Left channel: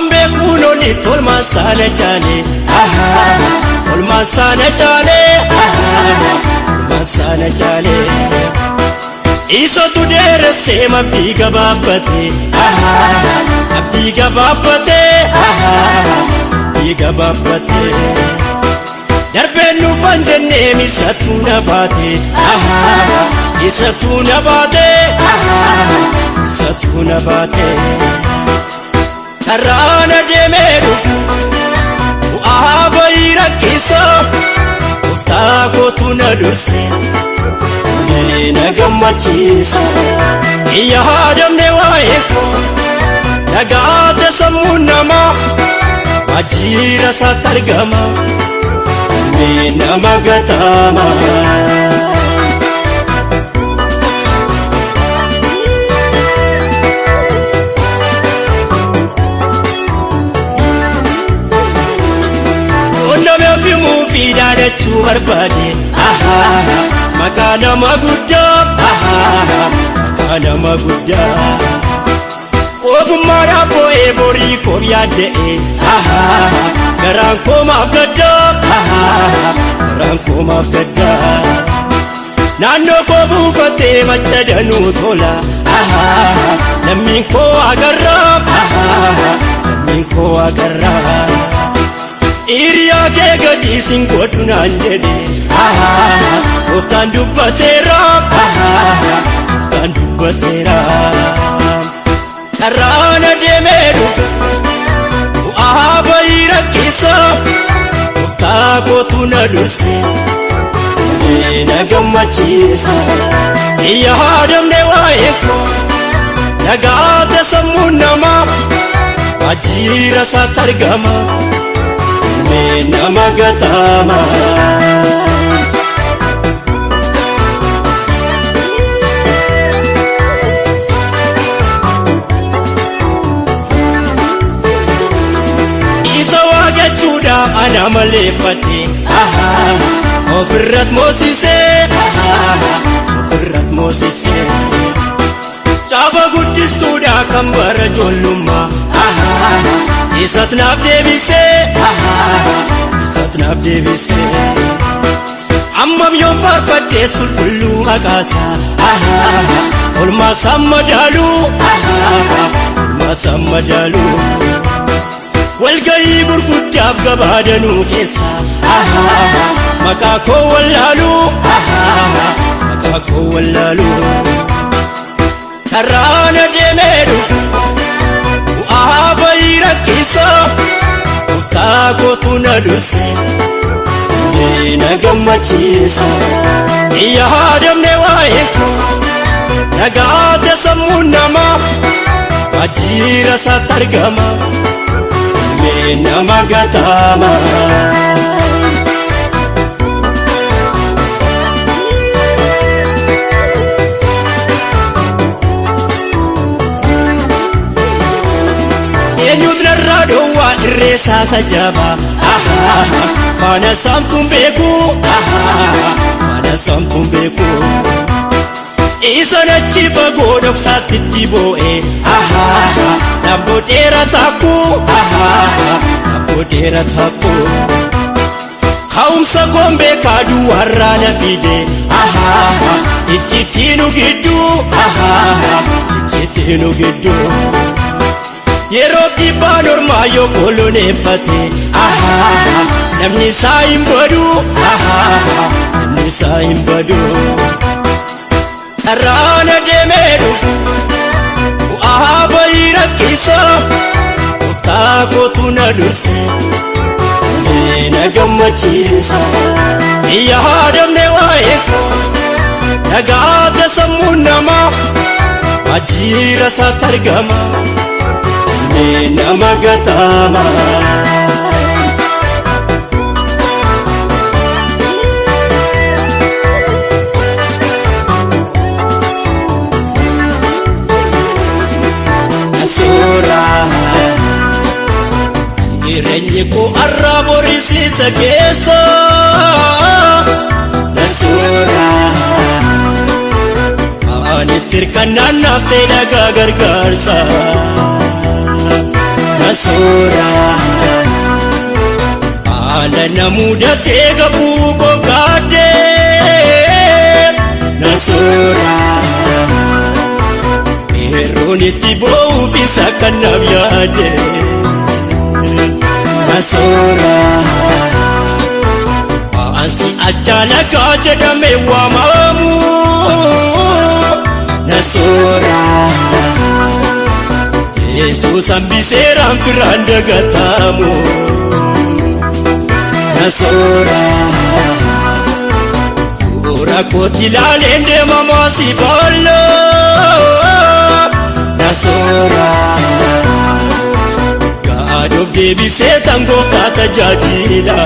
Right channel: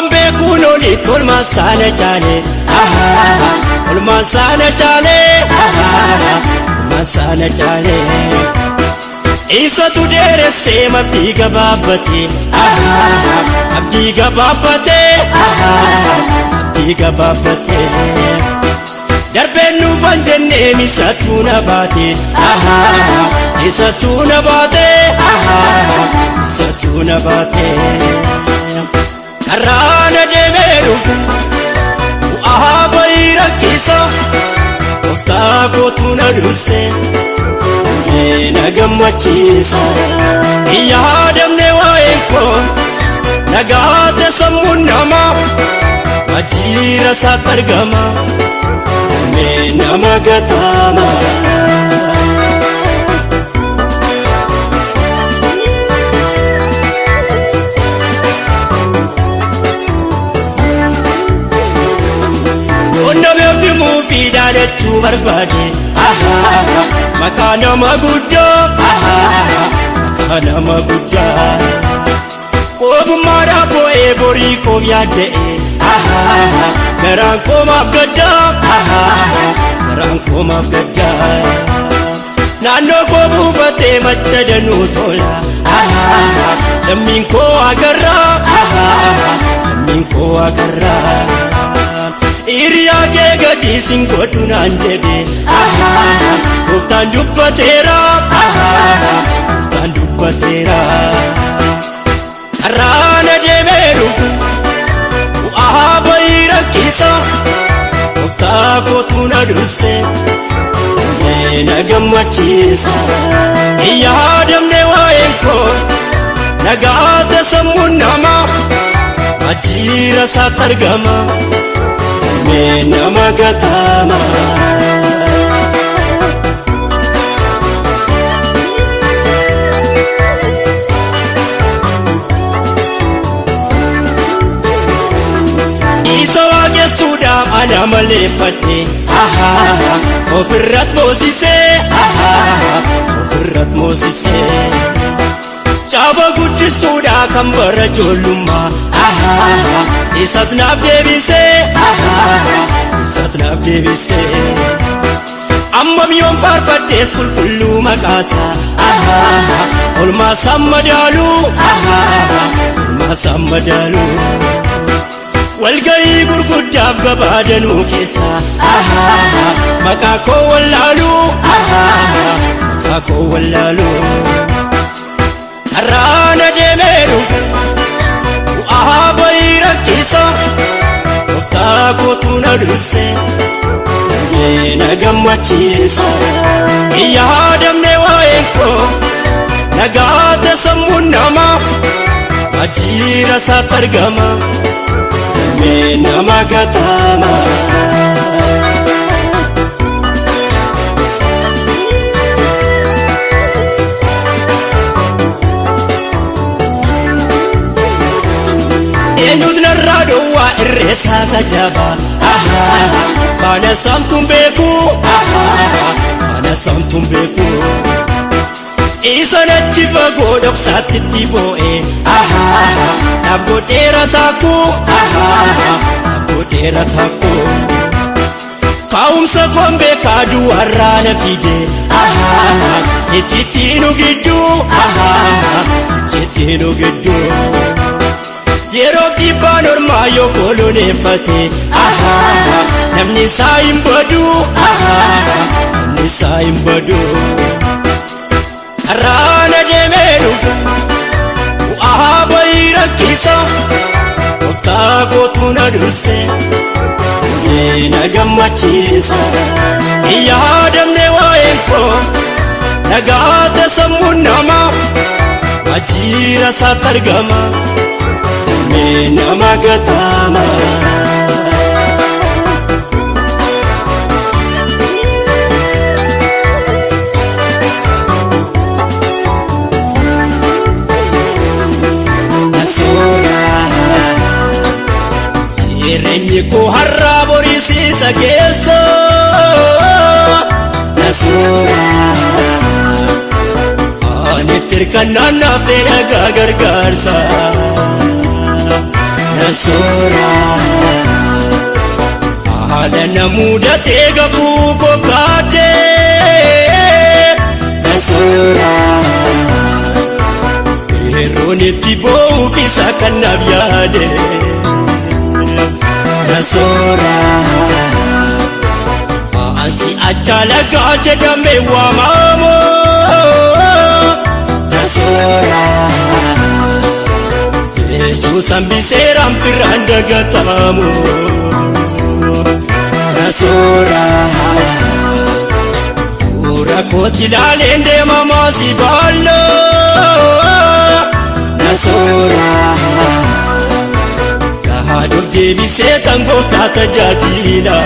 Ambe kunoni tolma sana chale tolma sana chale tolma sana chale Isa tu dere sema abdiga babate abdiga babate abdiga babate Darbenu vanjenne misatuna bate isatuna bate isatuna bate Karana de meru Ahabayra kisa Ufta kotuna ruse Nagamachisa Iya adam ne waeko Nagate samunama Majira satargama Namagatama Barbadi makana maguda makana maguda Ogumara ko ebori ko yade meranko mabda meranko mabda Nano ko bufate machadanu tola Naminko agarra Naminko agarra Iriya ke gadi singkotu nanjede Uftan dubbatera Uftan dubbatera Karana de meru Ahabayra kisa Ufta kotu naruse Nagamachisa Iya adam ne waeko Nagate samunama Wajira satargama Namagatama Isawaje suda ana malefati Ofirrat Mosise Ofirrat Mosise Chaba gudis suda kambara jolumma Isatnab debise Isatnab debise Ammam yom farfaddes kullu magasa Olma sammadalu Olma sammadalu Walgayi burguddab gabadanu kessa Makako wallalu Makako wallalu Arrana demeru Ahabayra kisa Ufta kotuna ruse Nagamachisa Iya adam ne waeko Nagate samunama Wajira satargama Namagatama Resa sajaba Pada samtum beku Pada samtum beku Isa dachi bagodok satit diboe Nabgodera taku Nabgodera taku Kausa gombe kadu warana bide Ichitinu gidu Ichitinu gidu Yeroo dhibbaa normaa yoo koloneeffate namni isaa hin badu namni isaa hin badu Karana deemeeru Ahabayra kisa Ufta kotu naruse Nagamachisa Iya adam ne waeko Nagate samunama Wajira satargama Namagatama Nasura Jirenye ko harra murisisa keessa Nasura Anittir kannaan naftee dhagaa gargaarsa nasoora. Haala namudatee gabuu qophaadhee nasoora. Yeroon itti boo'uuf isa kan naaf yaade nasoora. Ansi ajaalagaa jedhamee waamamu nasoora. Yesuus hambiseeraan firaan dagatamu nasoora. Bu'uura kootti ilaaleen deemamoo si baalloo nasoora. Gaadoof deebisee kan gooftaa tajaajila.